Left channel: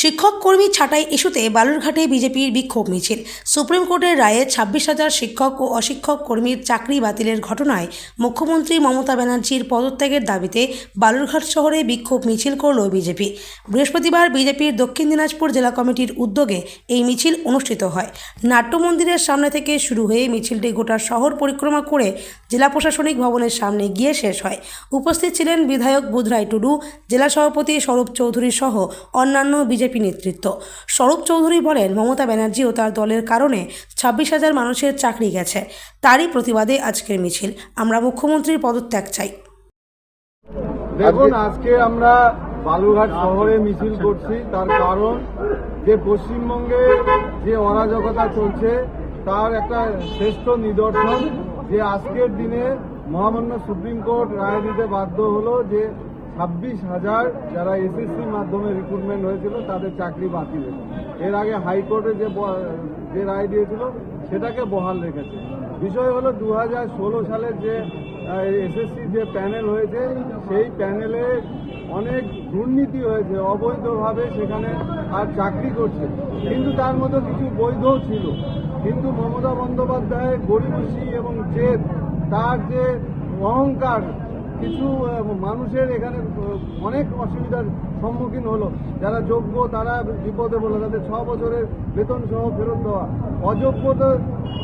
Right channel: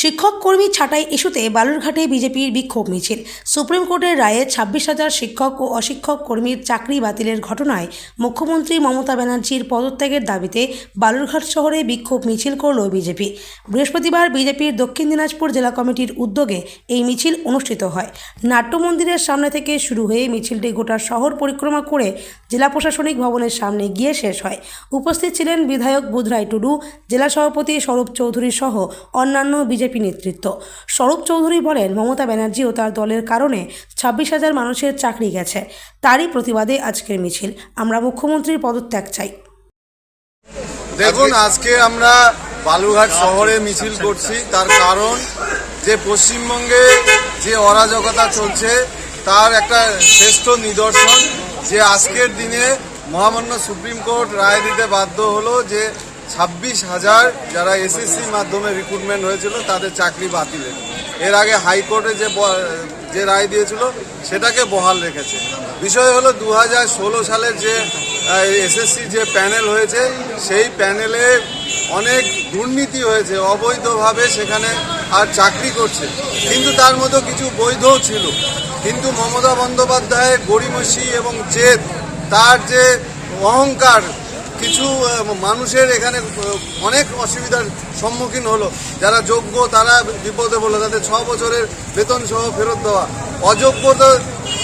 শিক্ষক কর্মী ছাঁটাই ইস্যুতে বালুরঘাটে বিজেপির বিক্ষোভ মিছিল। সুপ্রিম কোর্টের রায়ে 26,000 শিক্ষক ও অশিক্ষক কর্মীর চাকরি বাতিলের ঘটনায় মুখ্যমন্ত্রী মমতা ব্যানার্জির পদত্যাগের দাবিতে বালুরঘাট শহরে বিক্ষোভ মিছিল করল বিজেপি। বৃহস্পতিবার বিজেপির দক্ষিণ দিনাজপুর জেলা কমিটির উদ্যোগে এই মিছিল অনুষ্ঠিত হয়। নাট্য মন্দিরের সামনে থেকে শুরু হয়ে মিছিলটি গোটা শহর পরিক্রমা করে জেলা প্রশাসনিক ভবনের সামনে গিয়ে শেষ হয়। উপস্থিত ছিলেন বিধায়ক বুধরাই টুডু, জেলা সভাপতি স্বরূপ চৌধুরী সহ অন্যান্য বিজেপি নেতৃত্ব। স্বরূপ চৌধুরী বলেন, মমতা ব্যানার্জি ও তার দলের কারণে 26,000 মানুষের চাকরি গেছে। তারই প্রতিবাদে আজকের মিছিল। আমরা মুখ্যমন্ত্রীর পদত্যাগ চাই। দেখুন, আজকে আমরা বালুরঘাট শহরে মিছিল করছি, তার কারণ যে পশ্চিমবঙ্গে যে অরাজকতা চলছে তার একটা শ্রেষ্ঠ নিদর্শন যে আজকের দিনে মহামান্য সুপ্রিম কোর্ট রায় দিতে বাধ্য হলো যে 26,000 যারা এসএসসি মাধ্যমে রিক্রুটমেন্ট হয়েছিল তাদের চাকরি বাতিলের। এর আগে হাইকোর্টে যে রায় দিয়েছিল সেটাকে বহাল রেখেছে। বিষয় হলো 2016 সালের যে এসএসসি যে প্যানেল হয়েছে সেই প্যানেলে অনেক দুর্নীতি হয়েছে, অবৈধভাবে সেখানে আর চাকরি করছে, কিন্তু তার মধ্যে কিছু বৈধও ছিল। কিন্তু মমতা বন্দ্যোপাধ্যায়ের গড়িমসি এবং জেদ, তার যে অহংকার, কিছু মানুষের এখানে অনেক অসুবিধার সম্মুখীন হলো। যারা যোগ্য তারা বিপদে পড়লো, তাদের 6 বছরের বেতন সহ ফেরত দেওয়া। অযোগ্য তো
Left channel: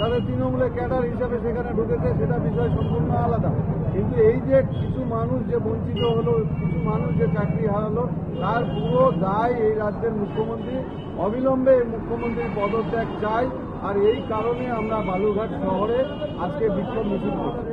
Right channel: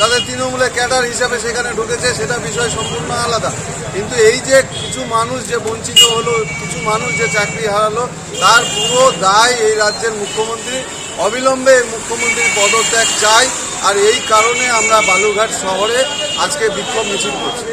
তাদের তৃণমূলের ক্যাডার হিসাবে সেখানে ঢুকেছে, সেটা বিষয় সম্পূর্ণ আলাদা। কিন্তু এই যে কিছু মানুষ যে বঞ্চিত হলো, কিছু মানুষ যে চাকরি হারালো, তার পুরো দায় এই রাজ্যের মুখ্যমন্ত্রী। অবিলম্বে এই মুখ্যমন্ত্রীর পদত্যাগ চাই। আর এই কারণে আমরা বালুরঘাট শহরে আজকে বিক্ষোভ মিছিল করছি।